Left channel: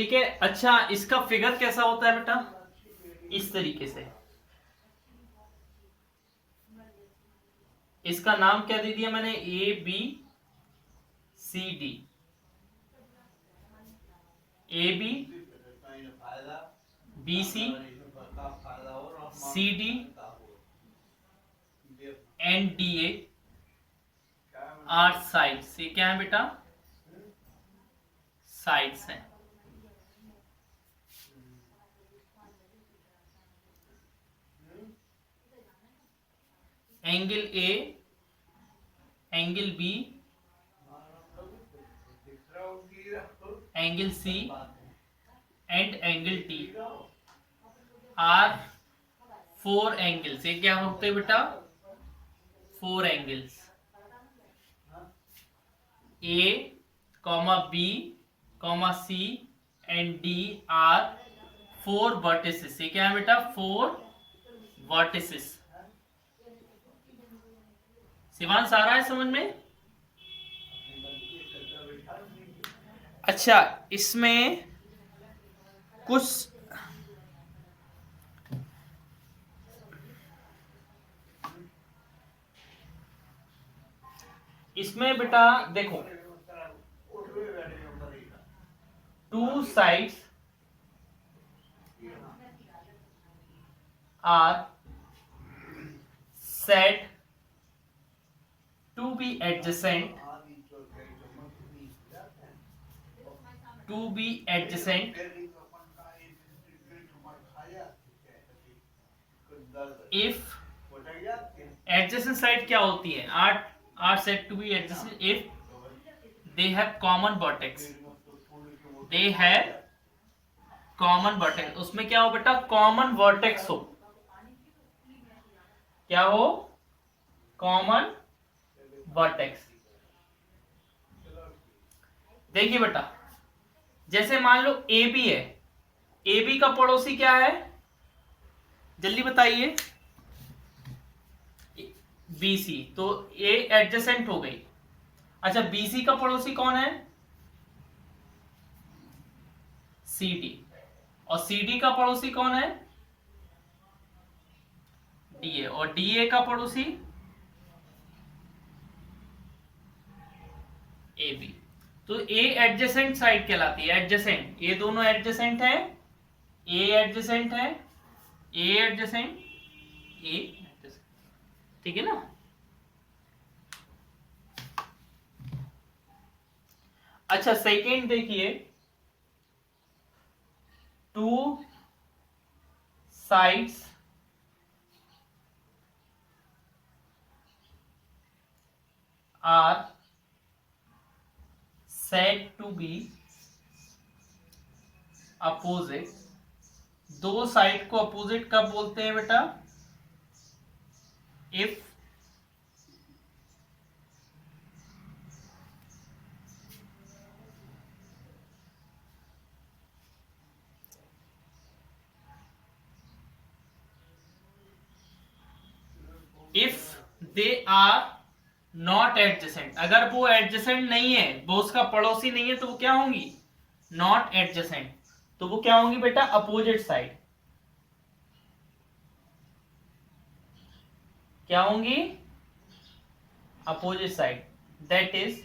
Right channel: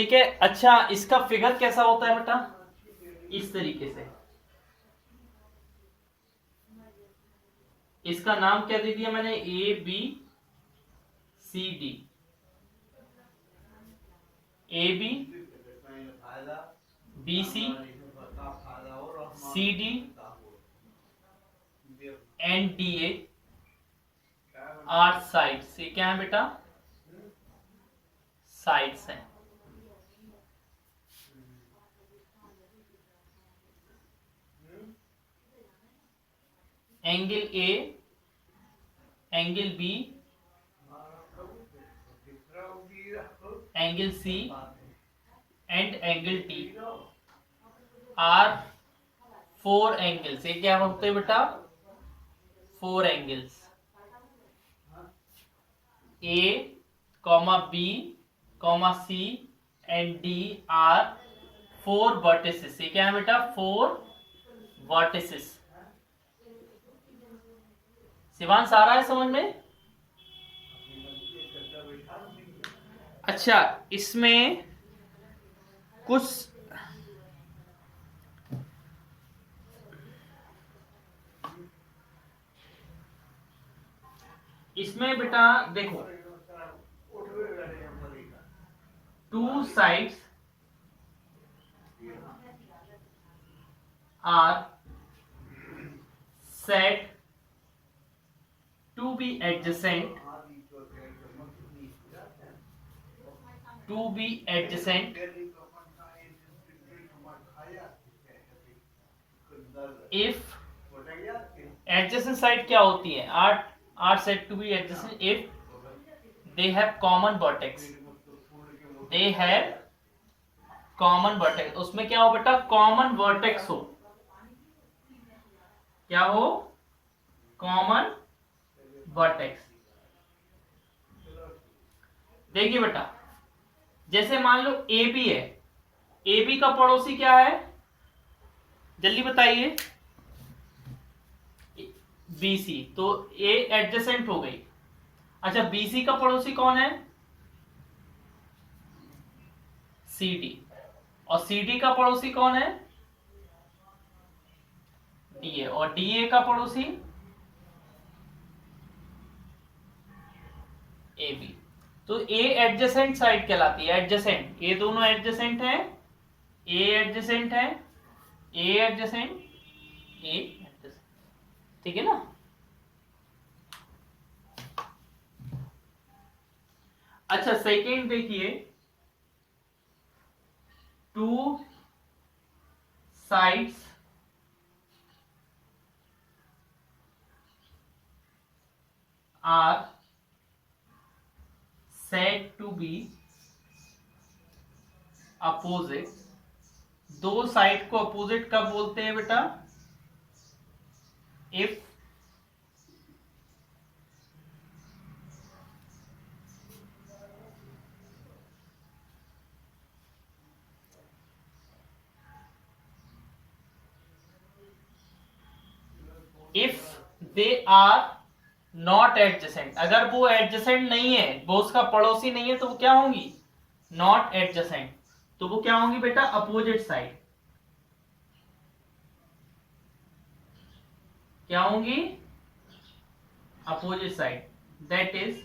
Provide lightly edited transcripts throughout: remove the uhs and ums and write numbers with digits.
ठीक है। अच्छा, इसका फिगर कैसा होता है बेटा? इस तरीके से। इसका नाम क्या दे दिया मैंने? A B C D. A B, B C, C D and D A are sides. ये क्या है बेटा? साइड्स हैं। Angle A, angle B, angle C and angle D are four angles. ये क्या होते हैं बेटा? Four angles. A comma B comma C and D are four vertices. ये क्या है बेटा? Four vertices. शिवांश आ रहा है समझ में? अच्छा, इसमें कुछ इसमें बेटा देखो, two sides are said to be adjacent, to be adjacent if adjacent side क्या होती है? are said to be adjacent if they have common vertex, they have common vertex। उसमें क्या हो बेटा? common vertex हो। क्या हो? common vertex। देखिए बेटा, जैसे मान लो ए बी है, ए बी का पड़ोसी क्या है? जल्दी बताइए। बी सी, तो ए एडजेसेंट हो गई। अच्छा, बी सी का पड़ोसी कौन है? C D. और सी डी का पड़ोसी कौन है? D A. और डी ए का पड़ोसी ए बी। तो ए एडजेसेंट साइड कहलाती है। एडजेसेंट, ये दोनों एडजेसेंट है। ए एडजेसेंट है, ए एडजेसेंट, ए एडजेसेंट। ठीक है ना? अच्छा, सेकेंड देखिए, two sides are said to be opposite। दो साइड को अपोजिट कब बोलते हैं बेटा? If they are not adjacent. अगर वो एडजेसेंट नहीं है, वो उसका पड़ोसी नहीं है, तो वो क्या होंगी? Not adjacent. तो वो क्या होंगी बेटा? Opposite side. क्या होंगी? Opposite side. दैट इज,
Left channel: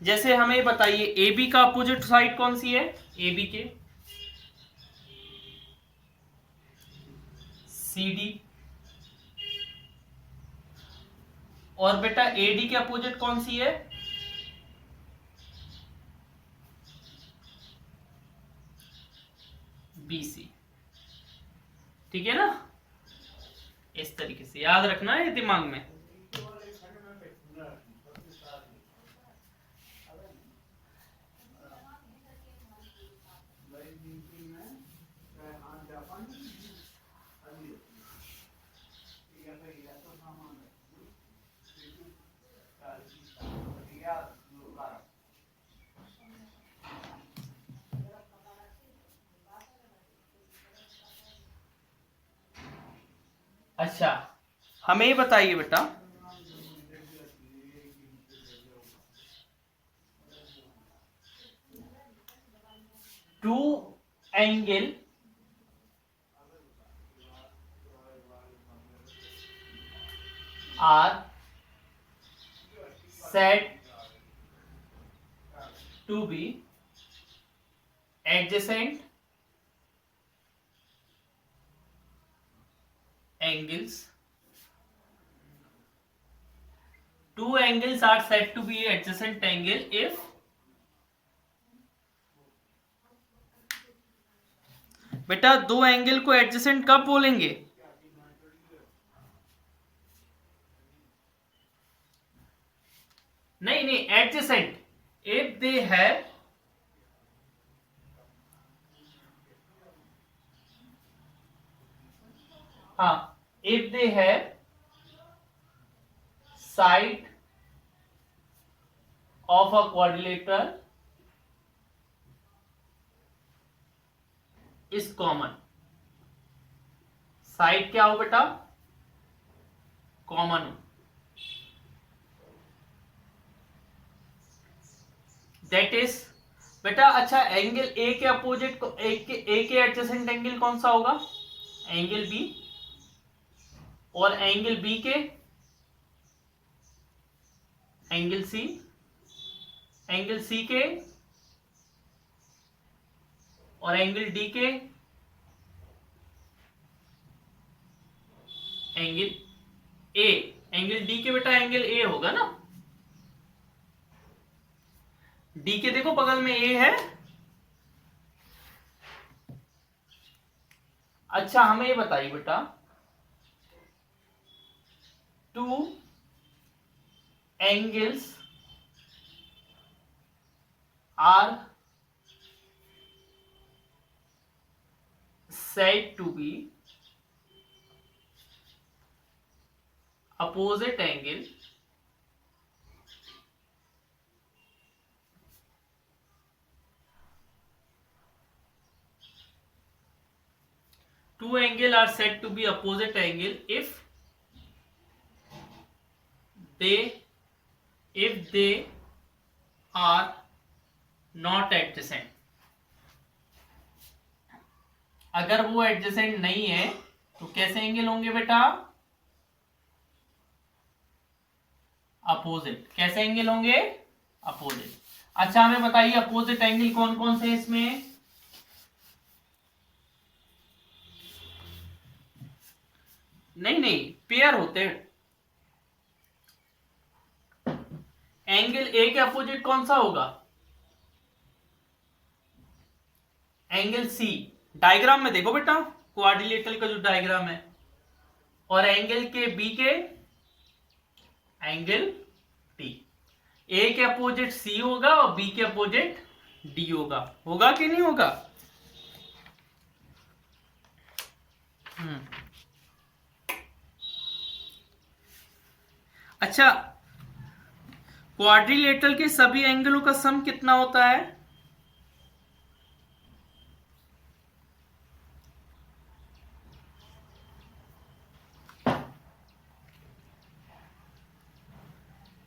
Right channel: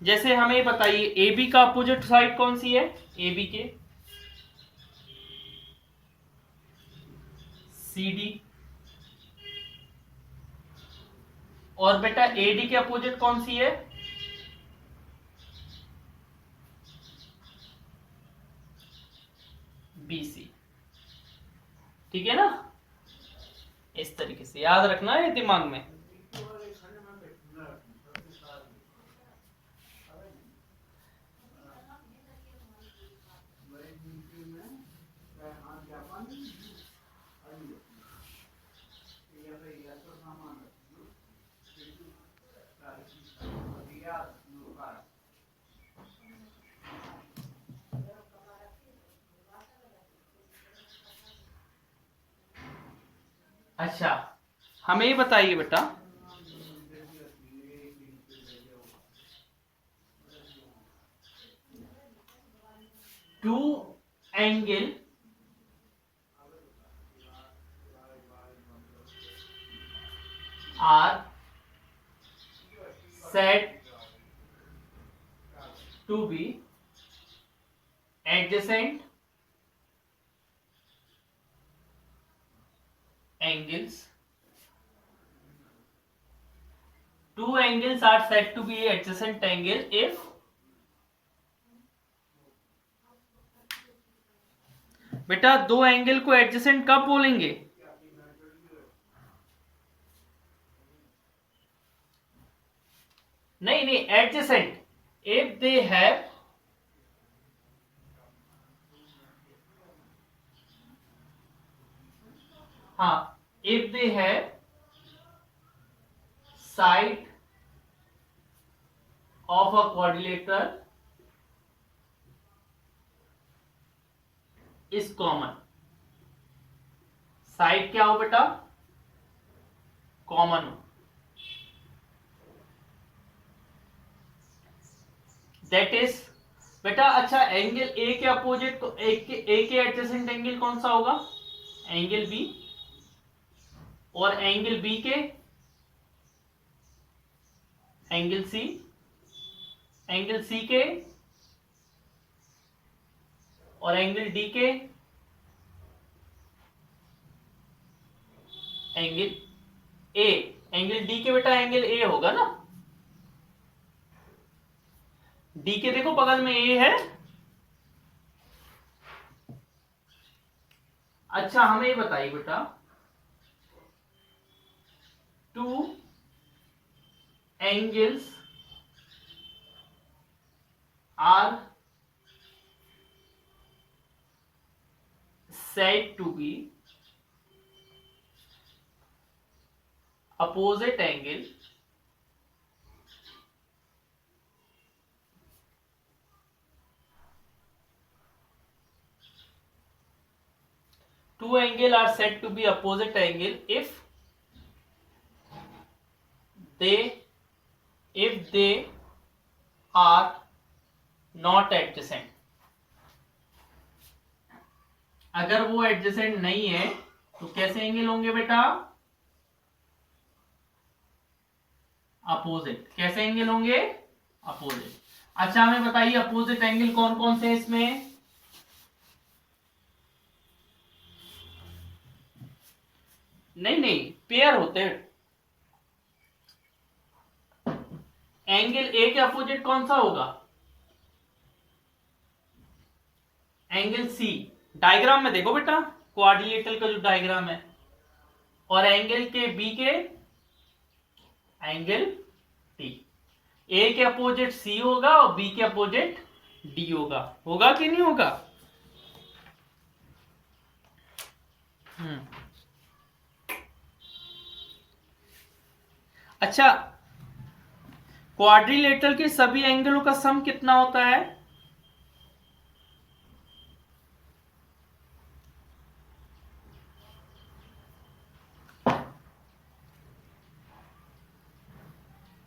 जैसे हमें बताइए ए बी का अपोजिट साइड कौन सी है? ए बी के सी डी। और बेटा ए डी के अपोजिट कौन सी है? B C. ठीक है ना? इस तरीके से याद रखना है दिमाग में। अच्छा, हमें ये बताइए बेटा, two angle are said to be adjacent angles. Two angles are said to be adjacent angle if बेटा दो एंगल को एडजेसेंट कब बोलेंगे? नहीं नहीं, adjacent if they have if they have side of a quadrilateral is common. Side क्या हो बेटा? कॉमन हो. दैट इज बेटा, अच्छा एंगल ए के अपोजिट को ए के एडजेसेंट एंगल कौन सा होगा? Angle B. और एंगल बी के एंगल सी, एंगल सी के और एंगल डी के एंगल ए. एंगल डी के बेटा एंगल ए होगा ना. डी के देखो बगल में ए है. अच्छा हमें ये बताइए बेटा, two angles are said to be opposite angle two angle are said to be opposite angle if they are not adjacent. अगर वो एडजेसेंट नहीं है तो कैसे एंगल होंगे बेटा? अपोजिट. कैसे एंगल होंगे? अपोजिट. अच्छा हमें बताइए अपोजिट एंगल कौन कौन से इसमें? नहीं नहीं, पेयर होते हैं. एंगल ए के अपोजिट कौन सा होगा? Angle C. डायग्राम में देखो बेटा, क्वाड्रिलेटरल का जो डायग्राम है. और एंगल के बी के एंगल टी. ए के अपोजिट सी होगा और बी के अपोजिट डी होगा. होगा कि नहीं होगा? अच्छा, क्वाड्रिलेटरल के सभी एंगलों का सम कितना होता है?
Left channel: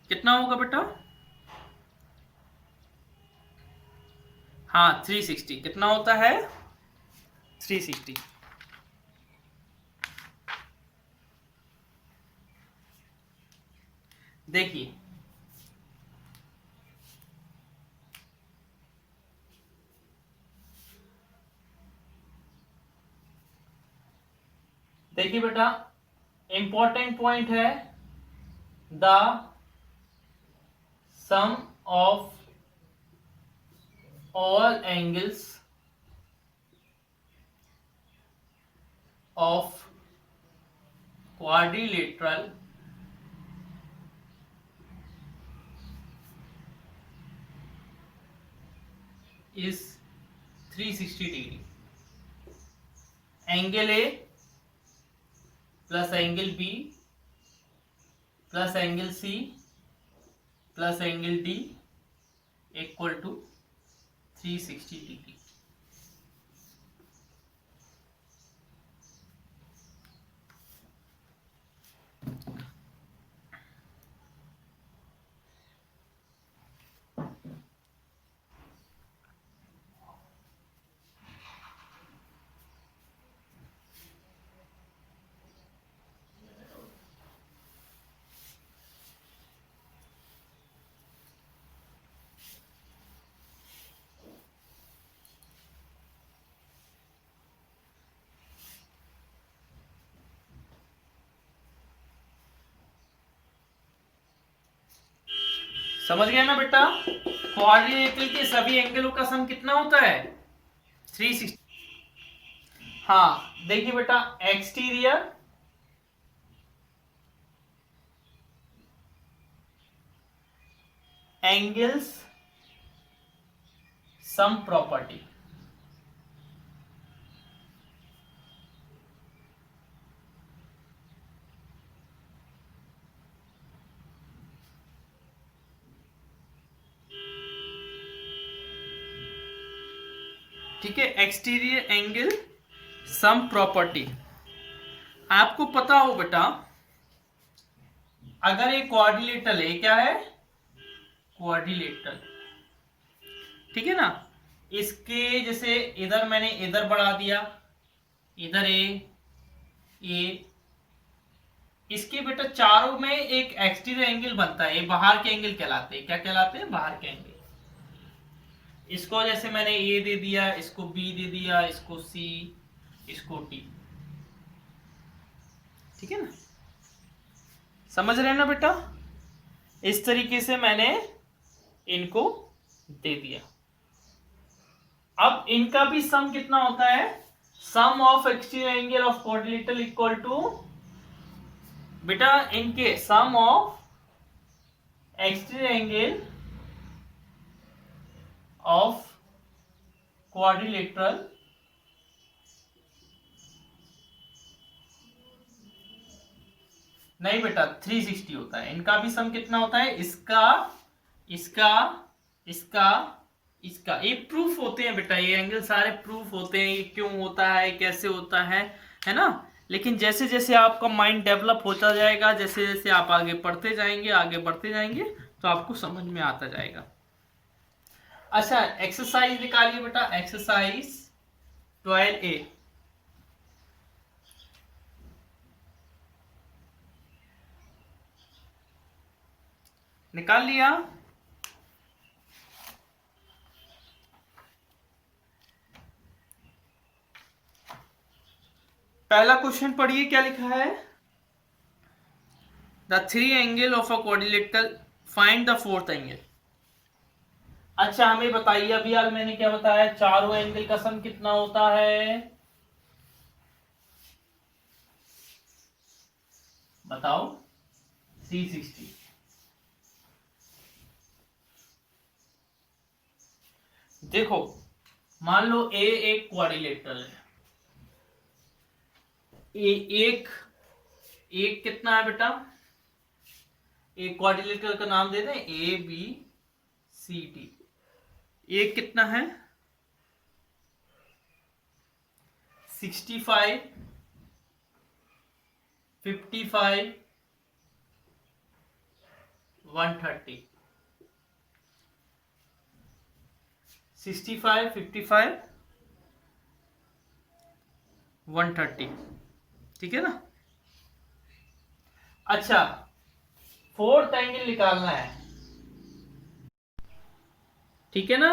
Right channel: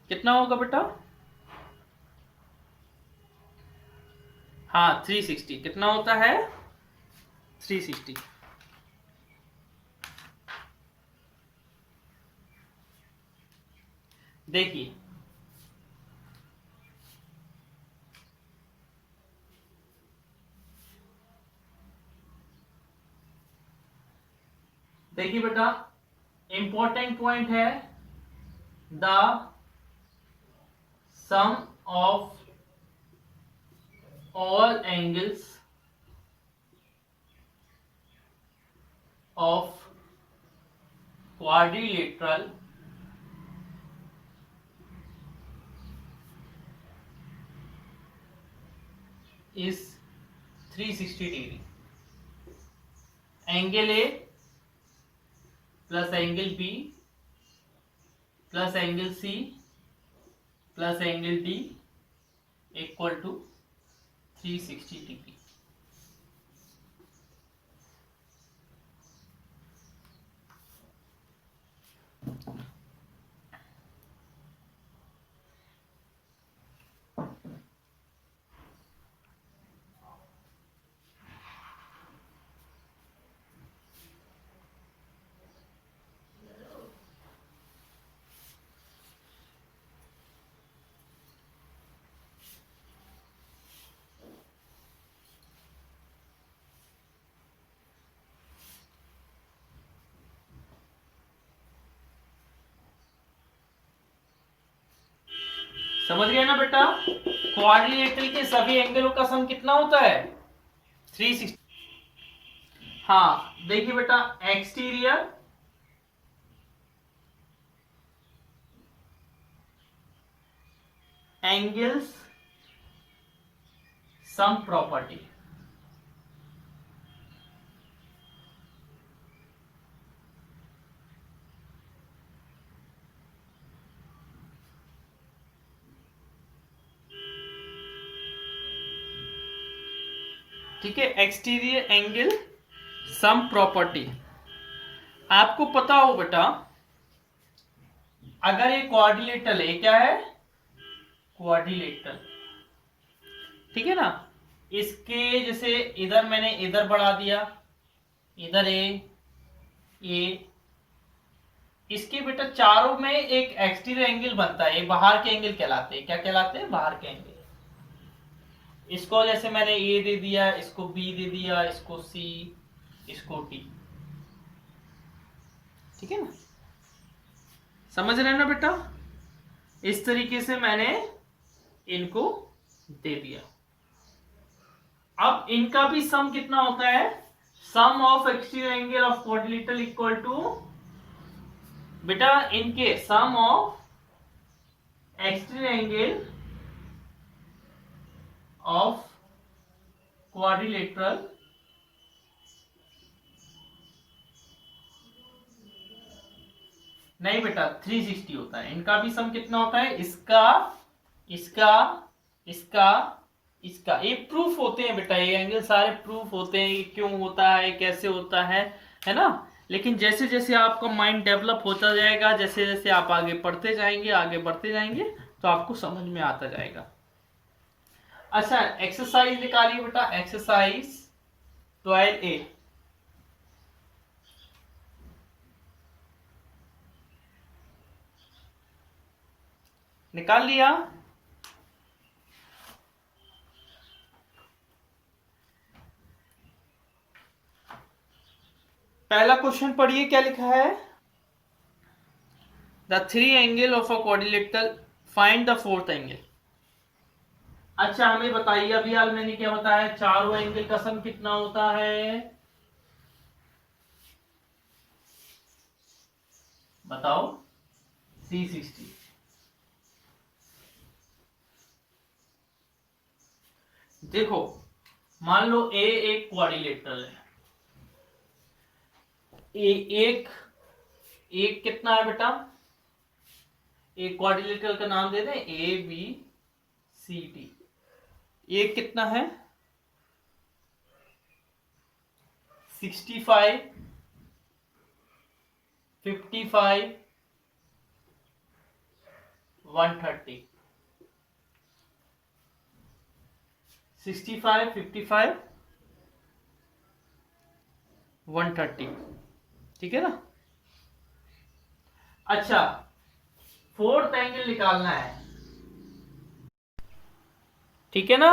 कितना होगा बेटा? हाँ 360. कितना होता है? 360. देखिए देखिए बेटा, इंपॉर्टेंट पॉइंट है the sum of all angles of quadrilateral is 360 degree. Angle A plus angle B plus angle C plus angle D equal to 360 degree. समझ गए ना बेटा? क्वाड्रिलेटरल के सभी एंगलों का सम कितना होता है? 360। हाँ देखिए बेटा, एक्सटीरियर एंगल्स सम प्रॉपर्टी। ठीक है, एक्सटीरियर एंगल सम प्रॉपर्टी। आपको पता हो बेटा, अगर ये क्वाड्रिलेटरल है, क्या है? क्वाड्रिलेटरल, ठीक है ना? इसके जैसे इधर मैंने इधर बढ़ा दिया, इधर ए, इसके बेटा चारों में एक एक्सटीरियर एंगल बनता है, ये बाहर के एंगल कहलाते हैं। क्या कहलाते हैं? बाहर के एंगल। इसको जैसे मैंने ए दे दिया, इसको बी दे दिया, इसको सी, इसको टी। ठीक है ना? समझ रहे हैं ना बेटा? इस तरीके से मैंने इनको दे दिया। अब इनका भी सम कितना होता है? Sum of exterior angle of quadrilateral equal to, बेटा इनके sum of exterior angle of quadrilateral नहीं बेटा 360 होता है। इनका भी सम कितना होता है? इसका, इसका, इसका, इसका। ये प्रूफ होते हैं बेटा, ये एंगल सारे प्रूफ होते हैं, ये क्यों होता है, कैसे होता है ना? लेकिन जैसे जैसे आपका माइंड डेवलप होता जाएगा, जैसे जैसे आप आगे पढ़ते जाएंगे, आगे बढ़ते जाएंगे, तो आपको समझ में आता जाएगा। अच्छा, एक्सरसाइज निकालिए बेटा, एक्सरसाइज 12A। निकाल लिया? पहला क्वेश्चन पढ़िए, क्या लिखा है? The three angle of a quadrilateral, find the fourth angle. अच्छा हमें बताइए, अभी हाल मैंने क्या बताया? चारों एंगल का सम कितना होता है? बताओ। 360। देखो, मान लो ए एक क्वाड्रिलेटरल है। एक कितना है बेटा? एक क्वाड्रिलेटरल का नाम दे दें, ए बी सी डी। एक कितना है? 65, 55, 130। 65, 55, 130। ठीक है ना? अच्छा, फोर्थ एंगल निकालना है, ठीक है ना?